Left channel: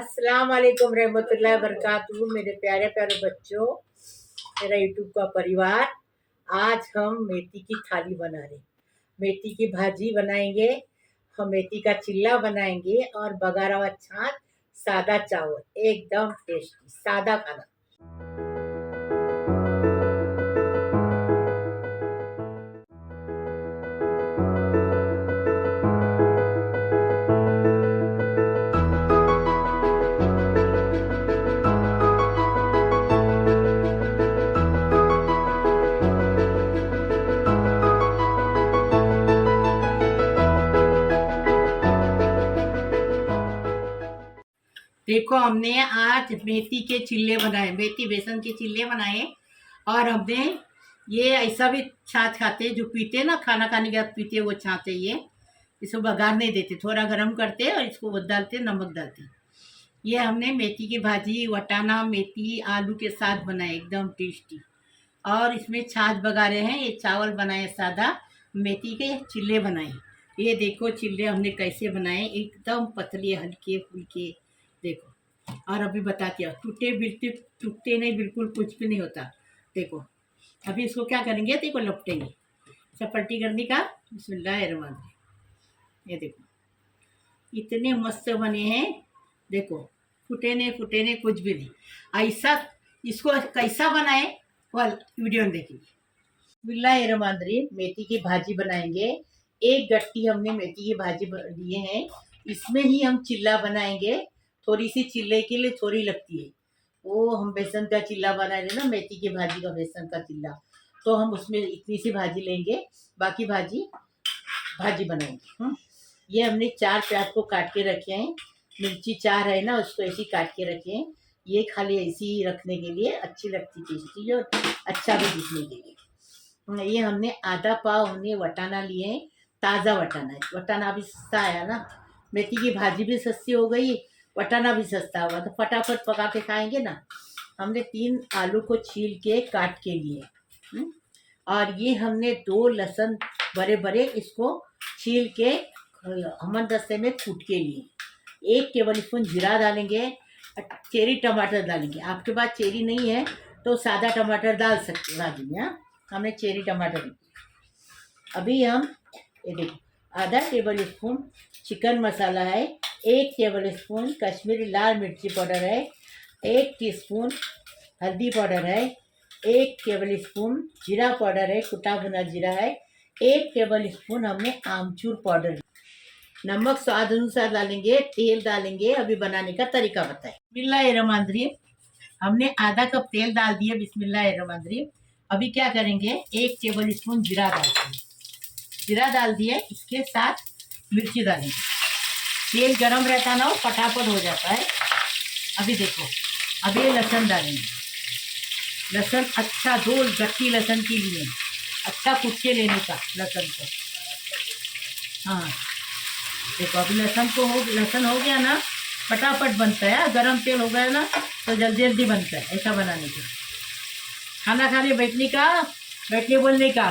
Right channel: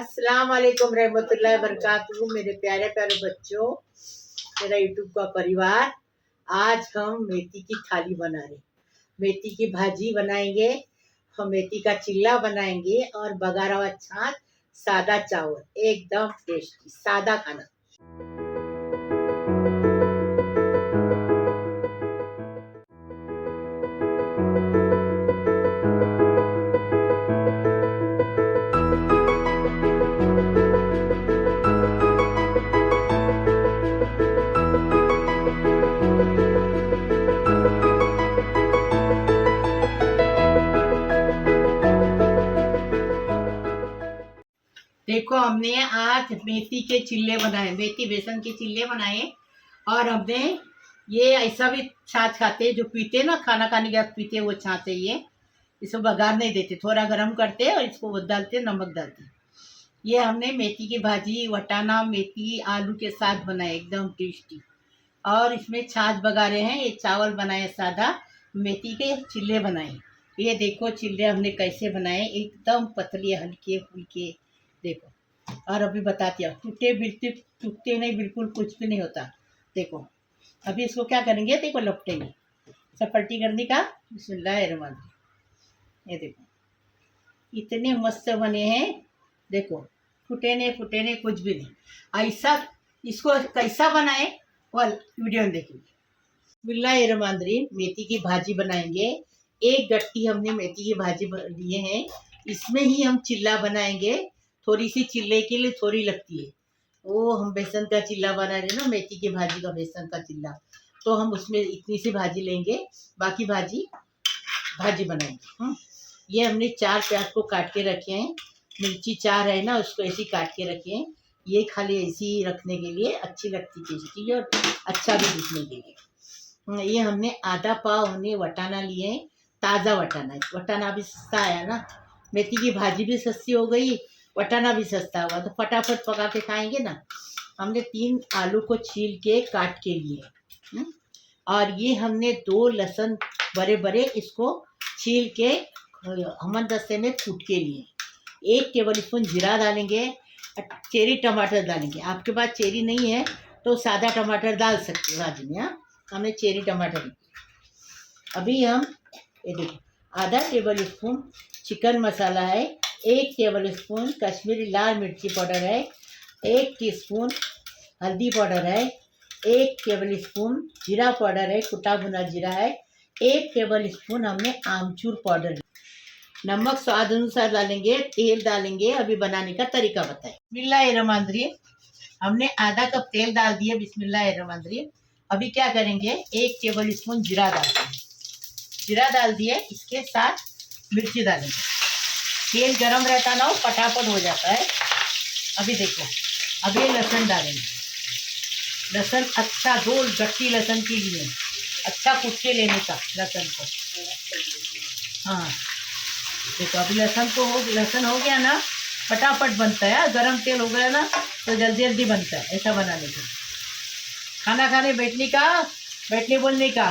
अस्सलाम वालेकुम रहमतुल्लाहि वबरकातुहू। मेरे प्यारे प्यारे बच्चों, मेरा यूट्यूब का परिवार, आज हम मेथी की थाली बना रहे। मेथी की भाजी बनाएंगे, हम मेथी का चिल्ला बनाएंगे और बघारा हुआ छाछ, सादा चावल, एकदम टेस्टी सादा खाना। देखो, हमने आज मेथी के चिल्ले बनाए, मेथी बेसन के चिल्ले बनाए। और हमने ये ऐसा भी छाछ खाते जो पीते ना, खाना खाने के बाद पीते, वो छाछ है ये। इसको बघार नहीं देते, थोड़ा गर्म करते और इसको डालते, नमक डालते। ये हमने मेथी की भाजी वटाना मेथी आलू के साथ बनाए, एकदम टेस्टी। और इसमें छाछ बघारे हैं, ये चावल बनाए सादा, मेथी के चिल्ले बनाए। ये देखो चिल्ले हमने कैसे बनाए, एकदम पतले हल्के फुल्के। देखो, और अभी बताती हूँ, टूटते नहीं, बिल्कुल कुछ भी नहीं होता। देखो, अभी इसको क्या करेंगे, देखो लपटेंगे, चपट्टी करने का। बिस्मिल्लाहिर्रहमानिर्रहीम। ये देखो इतने मस्त बने हैं। देखो, फूटे नहीं कुछ भी नहीं। ऐसा इसको कैसा बनाए वह वीडियो में देखेंगे। बिस्मिल्लाहिर्रहमानिर्रहीम। मेथी की भाजी बनाएंगे। एक गट्टी हमने मेथी की भाजी लिए हैं, इसमें ही हम चिल्ला बनाएंगे। थोड़ी सी चिल्ले के लिए थोड़ी लगती है, वो हम बेसन का चिल्ला बना रहे ना, मेथी की भाजी का बेसन का चिल्ला। तो हम उसमें इतनी सी भाजी लेंगे, बाकी भाजी बनाएंगे। ये हमने 4 प्याज को काट के रखे हैं, मिर्ची 4 है ना, उसको ऐसे काट के रखे हैं। ये खाली ऐसे ही रखने के लिए अच्छी लगती, टेस्टी और अच्छा भी दिखने के लिए। ये हमने आधा पाव हमने वटाना लिए, ताज़ा वटाना है। वटाना अभी सस्ता आया ना, मेथी की भाजी भी सस्ती हो गई, वटाना भी सस्ता हुआ, तो फटाफट पका के खाएंगे ना। हमने 3 आलू को छील के काट के लिए, और ये हमने 2 लहसुन बड़े बड़े इसको छील के हमदस्ते में कूट के लिए। 1 टेबल स्पून जीरा डालेंगे, चेरी टमाटर डालेंगे। आपके पास चेरी नहीं है तो सादा टमाटर डाल सकते हो भाजी में। हमने चेरी टमाटर। अभी हम ये देखो, आधा टेबल स्पून चिकन मसाला है, 1 टेबल स्पून कश्मीरी लाल मिर्ची पाउडर है, 1 टीस्पून हल्दी पाउडर है, 1 टेबल स्पून जीरा पाउडर है, कुटा भुना जीरा है, 1 टेबल स्पून हमने आमचूर पाउडर। नमक स्वाद अनुसार डालेंगे, तेल डालेंगे। अभी बनाने का तरीका बताएं। बिस्मिल्लाहिर्रहमानिर्रहीम। हमने आधा कप तेल डाल दिया, बिस्मिल्लाहिर्रहमानिर्रहीम। अभी क्या करेंगे, 1 टेबल स्पून जीरा डालेंगे। जीरा डाल दिए, इसके साथ मिर्ची डालेंगे। तेल गरम रहता ना, वो फटाफट हो जाता है। अभी देखो, अभी लहसुन डालेंगे। लहसुन अच्छा 2 गट्टी लहसुन के लिए अच्छा कूट के लेने का लहसुन को। हाँ देखो, अभी लहसुन हो गया ना, फटाफट बनता है। गरम तेल हो गया ना तो जल्दी जल्दी बनता है। ऐसा बनाने के खाना खाने बैठने बोलने का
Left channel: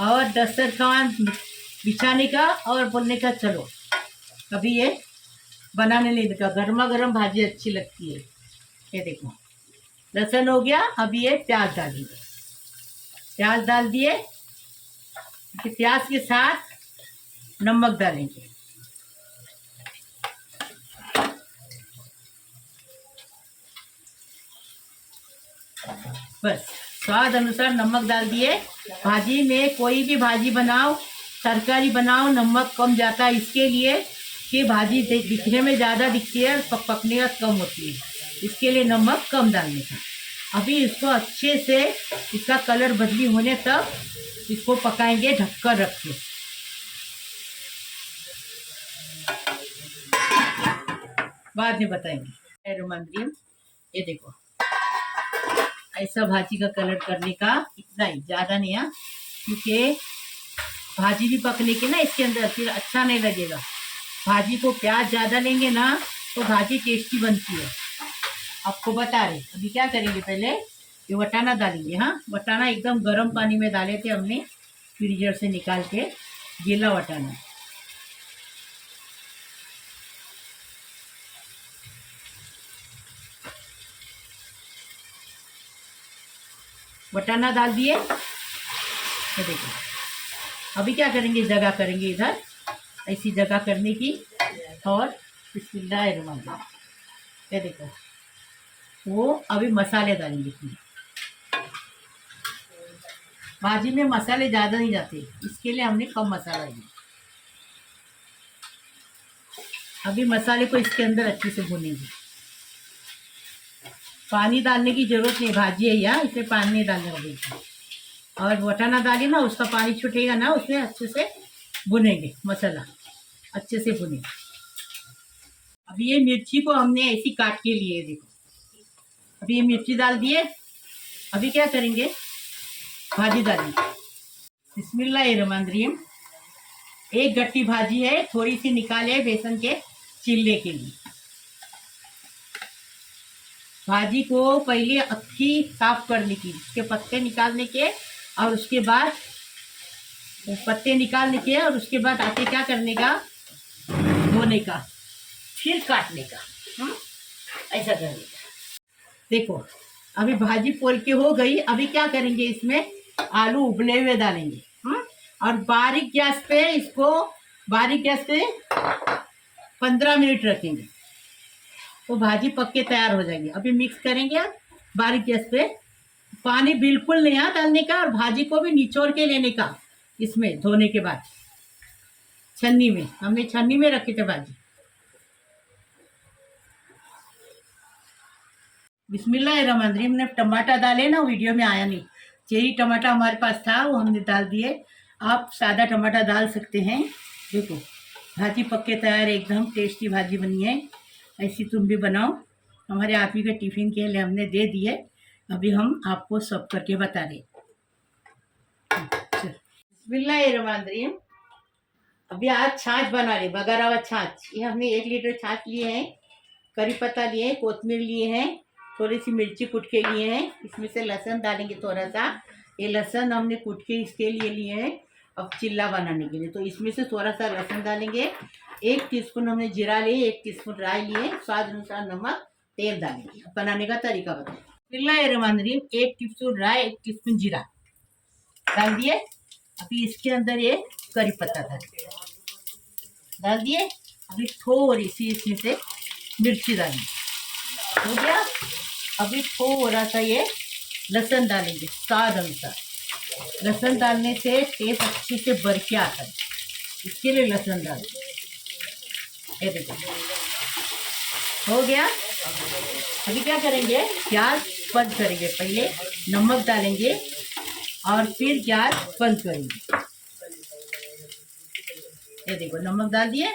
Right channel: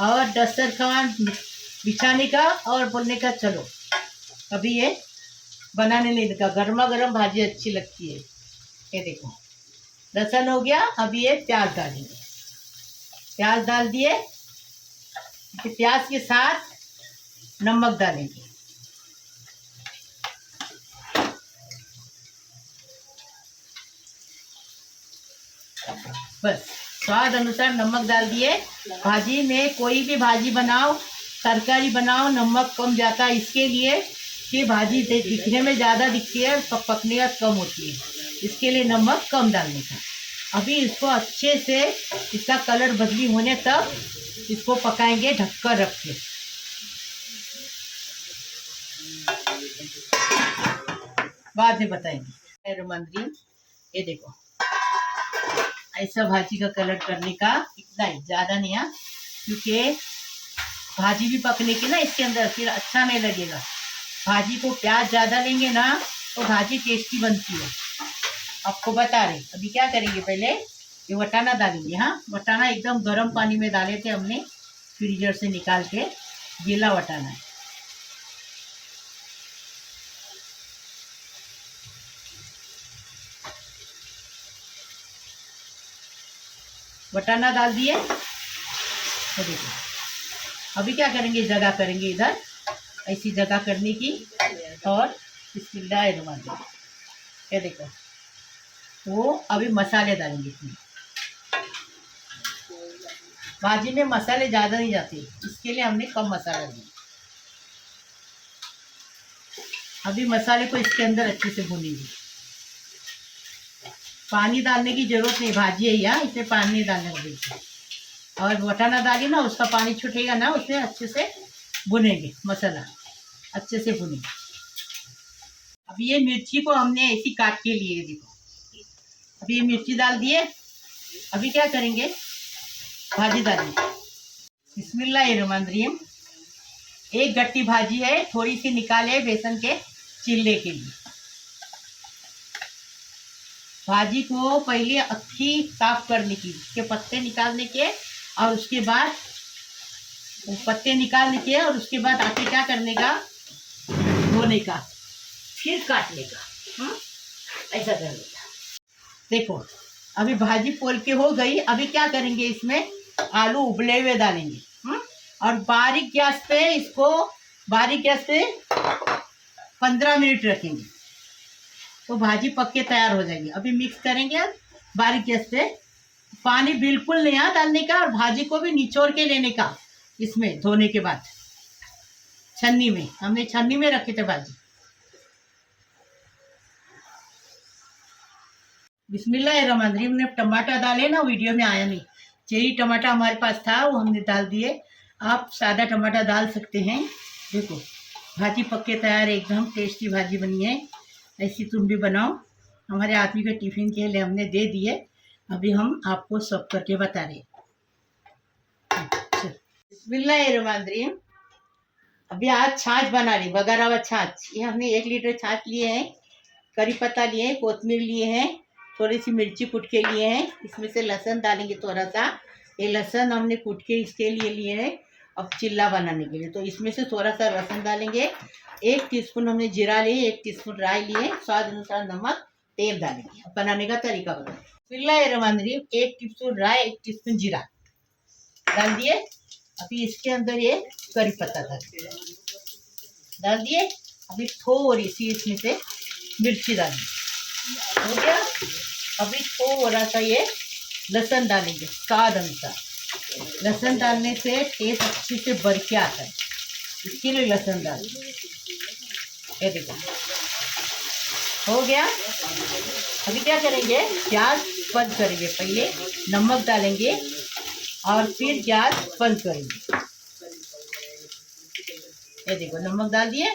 और दस्तरखान बिछाने का और बोलने का चलो। अभी ये बनाने नहीं देगा, गर्मा गर्म भाजी अच्छी लगती है। ये देखो, लहसुन हो गया। अभी ये प्याज डालेंगे। प्याज डाल दिए, प्याज के साथ नमक डालेंगे। बस स्वाद अनुसार नमक डाल दिए। भाजी में कोई भी भाजी बनाओ, तरकारी बनाओ, नमक कम जाता है इसके लिए कि भाजी दिखने में ज़्यादा दिखती है, पकने का कम होती है, इसके लिए नमक कम डालने का। अभी इसको अच्छे से इसका कलर बदली होने तक इसको पकाएंगे, ढककर रख के। बाद में बताएंगे। रोमांद्री, ये देखो, ऐसा भाजी का कलर करने का, इतना ही, ज़्यादा नहीं है, क्योंकि भाजी भी पकने की ना इसके अंदर, फिर अच्छा नहीं लगेगा। भाजी को प्याज ज़्यादा लेंगे ना तो भाजी टेस्टी बनती है, आपको बता रहे। अभी क्या करेंगे, पहले ये वटाना डालेंगे। हाँ, वटाना एकदम गर्म पानी में डाले थे हमने, फ्रीजर से निकाल के, गीला वटाना है। वटाना डाल दिए। ये देखो, अभी क्या करेंगे, जगह करेंगे इधर, ऐसी जगह करने की। और बिस्मिल्लाहिर्रहमानिर्रहीम, ये देखो, वो अभी मसाले डालेंगे इसमें। भाजी में मसाले ज़्यादा नहीं जाते, इसके लिए हमने कम मसाला दिया। अभी मसाले को इसके अंदर अच्छे से भूनेंगे। पानी डालने की जरूरत नहीं, भाजी है यहाँ, इसे पानी नहीं डालने का बिल्कुल। और वटाना डालिए ना, उसका पानी छूटेगा ना, उसमें अच्छे से भुनेंगे, मसाला अच्छे से भुनेंगे। अभी ये मिर्ची को हमने ऐसी काट के लिए, देखो अभी ये मिर्ची डाल दिए। अभी क्या करेंगे, भाजी डालेंगे। बिस्मिल्लाहिर्रहमानिर्रहीम। एक गट्टी भाजी है, थोड़ी सी निकाले बेसन के चिल्ले के लिए। भाजी को पहले अच्छी साफ करने की, उसके पत्ते निकालने के, और उसके बाद पत्ते निकालने के, और उसके बाद आके क्या करने का, धोने का, फिर काटने का, ऐसा करने का। देखो अभी भाजी पोल के हो गई। अभी क्या करेंगे, इसमें आलू उबले हुए डालेंगे, और बारीक गैस पे इसको, बारीक गैस पे 15 मिनट रखेंगे, तो भाजी पक के तैयार हो जाएगी। अभी मिक्स करेंगे बारीक गैस पे। पानी बिल्कुल नहीं डालने का, और भाजी को भी निचोड़ के लेने का, इसमें धोने के बाद छन्नी में, हमने छन्नी में रखे थे भाजी। बिस्मिल्लाहिर्रहमानिर्रहीम। ने टमाटर डाले ना, वीडियो में आया नहीं, चेरी टमाटर हमारे पास था, वो हमने डाल दिए। आप सादा टमाटर डाल सकते हैं। देखो भाजी पक के तैयार, एकदम टेस्टी भाजी बनी है। ऐसी तुम भी बनाओ। हमारे आदमी के टिफ़िन के लिए हमने दे दिए। अभी हम आपको सब करके बता रहे। बिस्मिल्लाहिर्रहमानिर्रहीम। अभी आज छाछ बना रहे, बघारा हुआ छाछ। ये हमने 1 लीटर छाछ लिए हैं, करी पत्ता लिए हैं, कोतमीर लिए हैं, थोड़ी सी मिर्ची कूट के लिए हैं। इसमें से लहसुन डालेंगे थोड़ा सा। ये लहसुन हमने कूट के इसके लिए हैं, अब चिल्ला बनाने के लिए। तो इसमें से थोड़ा सा लहसुन डालेंगे। 1 टीस्पून हमने जीरा लिए, 1 टीस्पून राई लिए, स्वाद अनुसार नमक, तेल डालेंगे। अब बनाने का तरीका बताओ। बिस्मिल्लाहिर्रहमानिर्रहीम। 1 टीस्पून राई, 1 टीस्पून जीरा डाल दिए। अभी इसके अंदर ये करी पत्ता डाल दिए। अभी थोड़ी सी इसमें से मिर्ची डालेंगे, हो गया। अभी थोड़ा सा ये लहसुन डालेंगे, स्वाद अनुसार। लहसुन डालने से टेस्ट अच्छे से बढ़ के आता है, इसके लिए लहसुन डालेंगे। ये देखो हो गया। अभी क्या करेंगे, गैस बंद करेंगे। पहले नमक डालेंगे और फिर गैस बंद करेंगे। ये देखो नमक डाल दिए।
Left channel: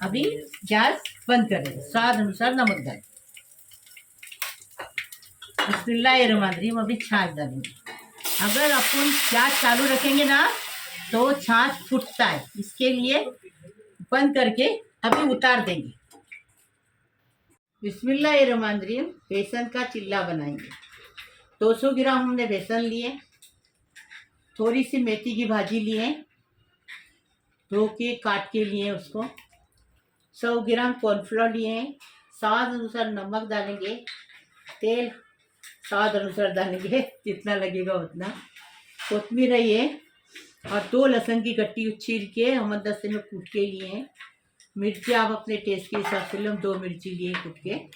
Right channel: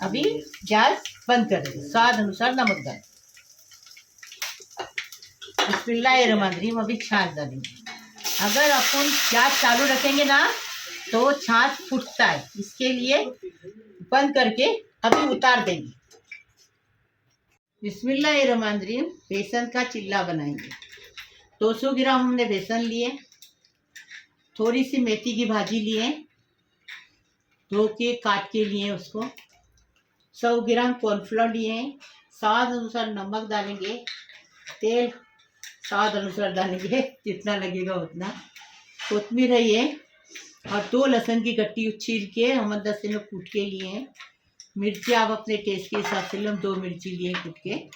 अभी गैस बंद करेंगे, स्वाद अनुसार नमक डालें। बिस्मिल्लाहिर्रहमानिर्रहीम। अभी छाछ डालेंगे। अगर अपन गैस चालू रखेंगे ना, तो छाछ फूटता है, इसके लिए बंद करके अभी उतार देंगे। बिस्मिल्लाहिर्रहमानिर्रहीम। बेसन का चिल्ला बनाएंगे। 200 ग्राम हमने बेसन लिए, थोड़ी सी मेथी की भाजी लिए, धो के काट के लिए उसको, 100 ग्राम कॉर्नफ्लोर लिए, स्वाद अनुसार नमक डालेंगे, तेल स्वाद अनुसार डालेंगे, जितना लगेगा उतना, कोतमीर है ये, और 2 लहसुन की गट्टी छील के हम 10 में कूट के लिए हैं। मिर्ची आप अपने टेस्ट के हिसाब से लो, 2 मिर्ची लिए कूट के,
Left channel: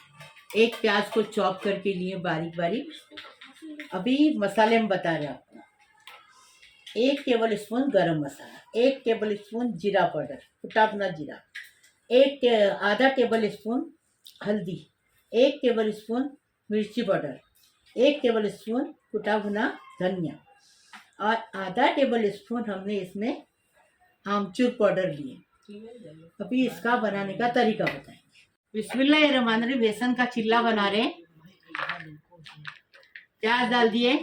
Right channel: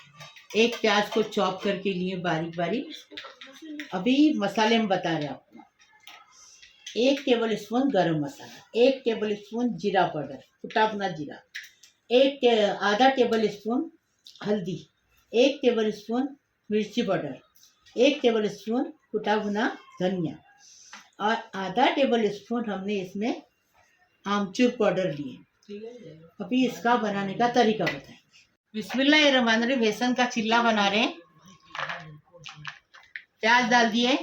1 प्याज को चॉप करके लिए बारीक बारीक। अभी मसाले में बता रहे हैं आपको। 1 टेबल स्पून गरम मसाला, 1 टेबल स्पून जीरा पाउडर, कुटा भुना जीरा, आधा टेबल स्पून हल्दी, 1 टेबल स्पून मिर्ची पाउडर, 1 टेबल स्पून कुटा भुना धनिया, और आधा टेबल स्पून हमने इसमें आमचूर पाउडर लिए। अभी इसका बनाने का तरीका बताएंगे। बिस्मिल्लाहिर्रहमानिर्रहीम। बेसन का चिल्ला बना रहे हैं। प्याज डाल दिए,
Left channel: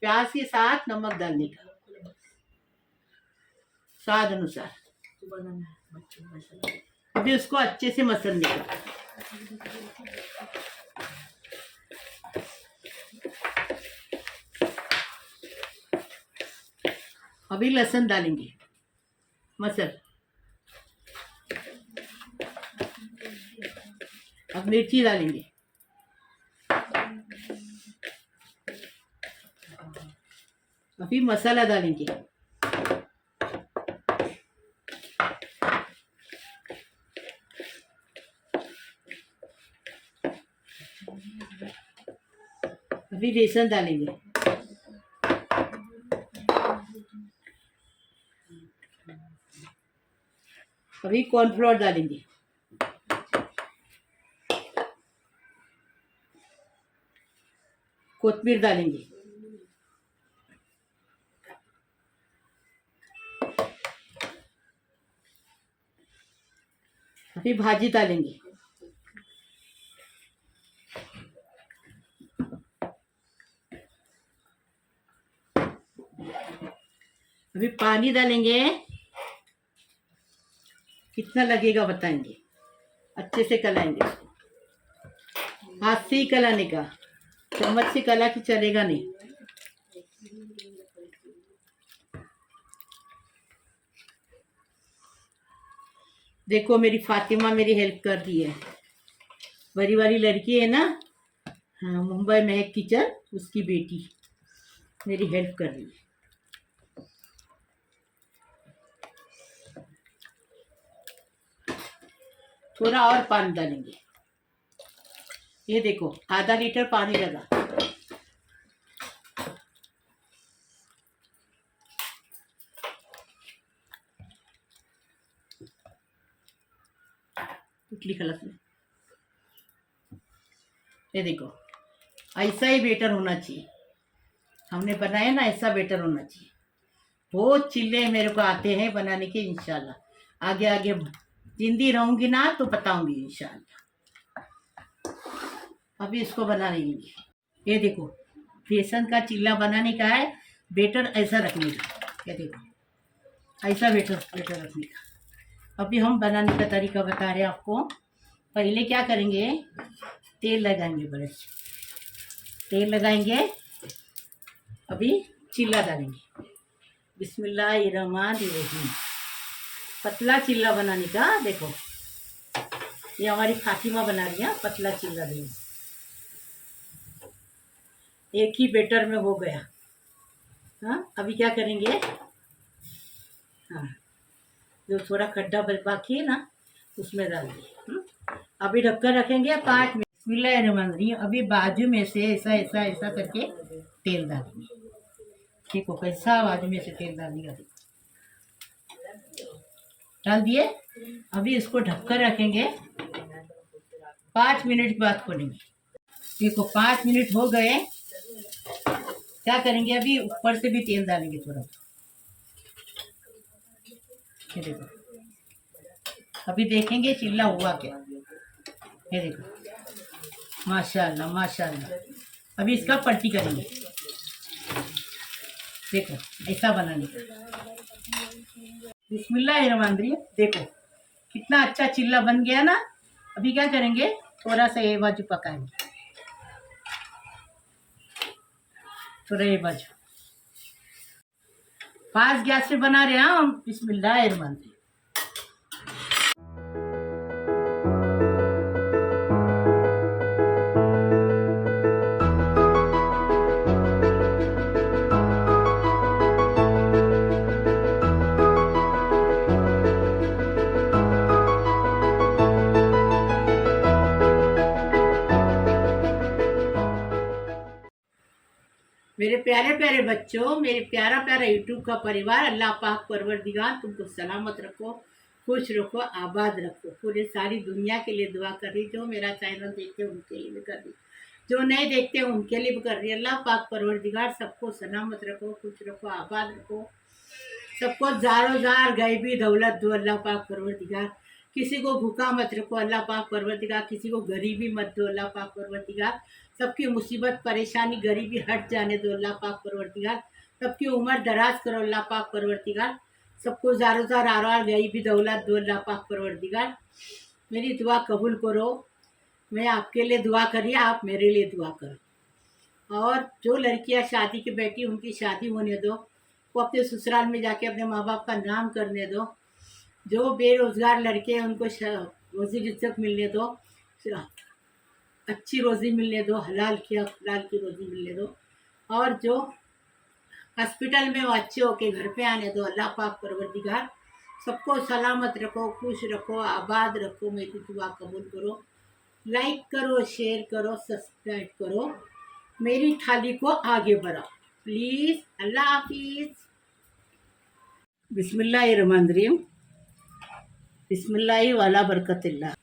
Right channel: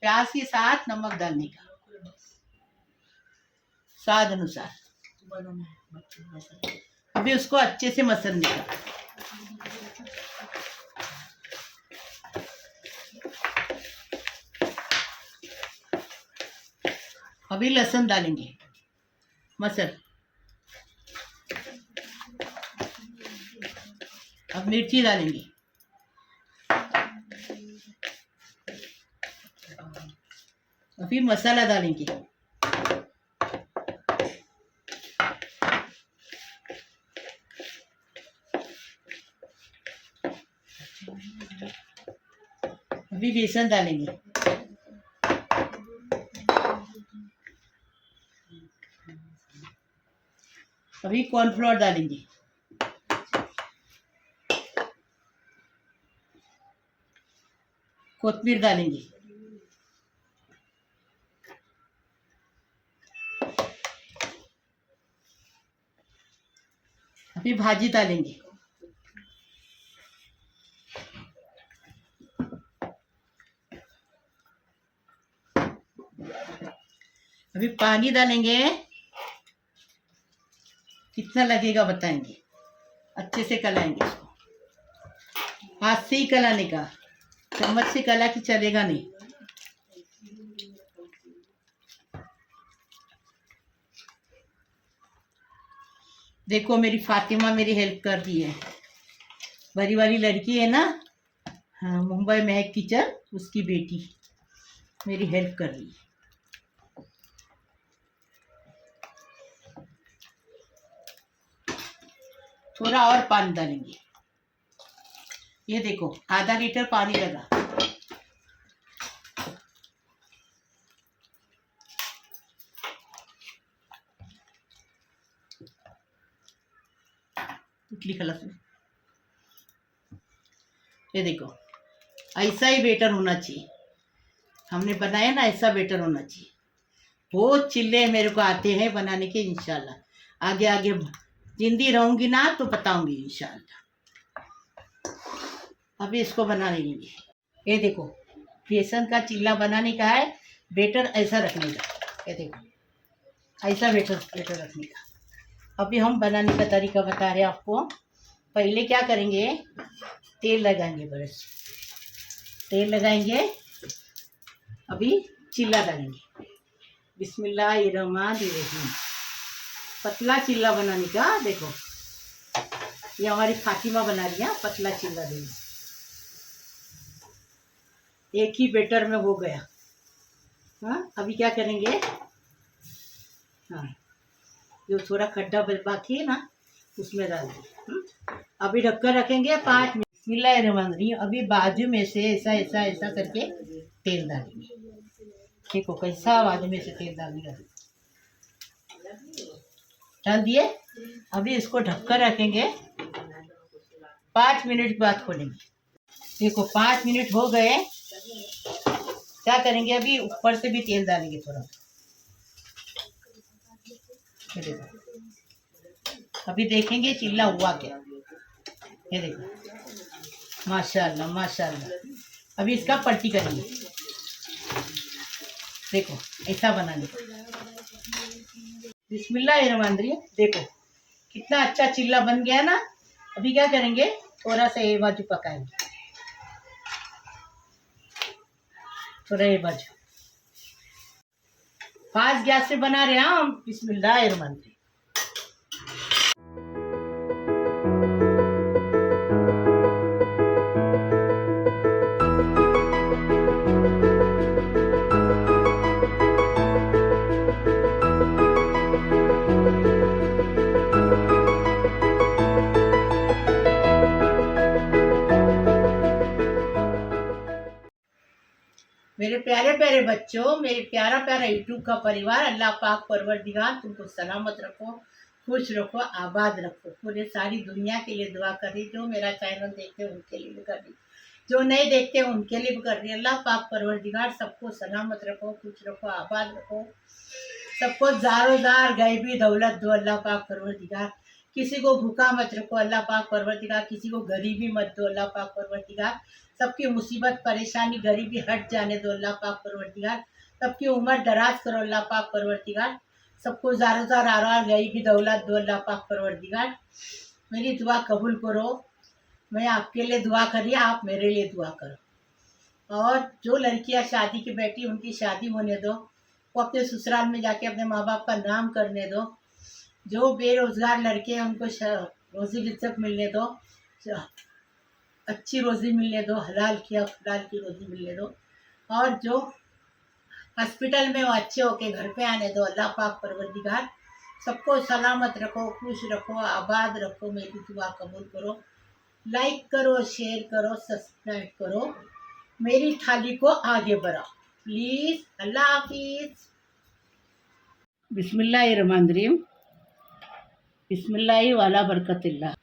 प्याज के साथ नमक डालने का, स्वाद अनुसार। अभी उसको अच्छे से मसलने का। अभी लहसुन डालेंगे, मसल। अब मिर्ची डालेंगे, अभी मसाला डालेंगे। अभी बेसन डालेंगे। अभी कॉर्नफ्लोर डालेंगे। कोथिंबीर डालेंगे। अभी भाजी डालेंगे। अभी पानी डालेंगे। कितना लगेगा बताएंगे। अच्छे से कलाएंगे इसको। हाथ से ही कलाने का, चम्मच से कला कि चलेगा नहीं। देखो मेरी फातिमा मेरी हेल्प कर दी है। बड़ी वाली लड़की है ना, हाँ, मुंबई महक किचन, उसकी बेटी मेरी हेल्प कर रही है। थोड़ा और पानी डालेंगे। ये देखो आधा लीटर पानी लगा। इडली खलस में ये देखो ऐसा ही बेटर होना चाहिए। हमने बनाया ना, ऐसा बेटर होना चाहिए। बहुत चिल्ले मेरे को आते हैं बनाने के। इंशाल्लाह आगे आगे जिंदी रहूंगी ना तो बताऊंगी इंशाल्लाह। अभी इसको बना लेंगे। ये देखो बेसन का चिल्ला बनाने का है। बेटर ऐसा रखने का। ये देखो ऐसा बेटर बेटर रखने का। अभी हम बनाने का तरीका बता रहे हैं आपको। पहले क्या करेंगे, तेल लगाएंगे। बस तेल लगाएंगे। अभी चिल्ला डालेंगे। बिस्मिल्लाहिर्रहमानिर्रहीम। पतला चिल्ला बनाने का। देखो ये हमारी फातिमा बना रही है पतला चिल्ला देंगे। एक ही बेटर में हो गया। हाँ अभी क्या करेंगे, हाँ जो थोड़ा खड्डा बाकी है ना उसमें डाल दिए। अभी ढक्कन रखेंगे 5 मिनट। बिस्मिल्लाहिर्रहमानिर्रहीम। अभी बाजू में से ऐसा ऐसा ऐसा करके तेल डालेंगे। देखो कैसा बाजू में से तेल डालेंगे। डाल दिए। अभी इसको ढककर रखेंगे। 5 मिनट बाद खोलेंगे। देखो 5 मिनट हो गए। क्या करेंगे, अभी ऊपर से भी तेल डालेंगे थोड़ा। ये देखो अभी देखेंगे चिल्ला हुआ क्या। ये देखो माशाल्लाह माशाल्लाह। अभी इसका पलटी करेंगे। देखो ऐसा बनाने का। बिस्मिल्लाहिर्रहमानिर्रहीम। देखो कितना अच्छा चिल्ला बन गया ना। अभी क्या करेंगे, थोड़ा सा ये बाजू पकाएंगे। थोड़ा ये बाजू फास्ट गैस से बना रहे हैं हम। बिस्मिल्लाहिर्रहमानिर्रहीम। मेरे प्यारे प्यारे बच्चों, मेरे प्यारा प्यारा यूट्यूब का परिवार, अल्लाह पाक परवरदिगार तुमको सलामत रखो, खुश रखो, आबाद रखो। पूरे सारी दुनिया के लिए दुआ कर रही। जो मेरा चैनल देखते हैं उनके लिए भी कर रही, जो नहीं देखते हैं उनके लिए भी कर रही। अल्लाह पाक परवरदिगार सबको सलामत रखो, खुश रखो, आबाद रखो। सबको ज़ारो ज़ार गैबी दौलत दो अल्लाह पाक परवरदिगार। किसी को भूखा मत रखो अल्लाह पाक परवरदिगार। किसी को गरीबी मत दो अल्लाह पाक परवरदिगार। सबकी मुसीबत परेशानी गरीबी हट जाने दो अल्लाह पाक परवरदिगार। सबकी उम्र दराज करो अल्लाह पाक परवरदिगार। सबको ज़ारो ज़ार आरार गरीबी दौलत दो अल्लाह पाक परवरदिगार। मेरी दुआ कबूल करो। मैं आपके लिए दुआ करी, आप मेरे लिए दुआ करो। और जो लड़कियां शादी की बैठी उनकी शादी होने दो। वो अपने ससुराल में जाके अपने माँ बाप का नाम करने दो। जो बेरोजगार लड़के हैं उनको रोजी रिज़्क मिलने दो। अच्छी रोज़ी मिलने दो। हलाल की रोज़ी मिलने दो। और जो हॉस्पिटल में वो अच्छे होके घर पे आने दो। अल्लाह पाक परवरदिगार सबको सलामत रखो, खुश रखो, आबाद रखो। मेरी दुआ कबूल करो। लाइक करो, शेयर करो, सब्सक्राइब करो, मेरी थाली को आगे बढ़ाओ प्लीज़। अल्लाह हाफिज़। बिस्मिल्लाहिर्रहमानिर्रहीम। बिस्मिल्लाहि वाला बरकतिल्लाह।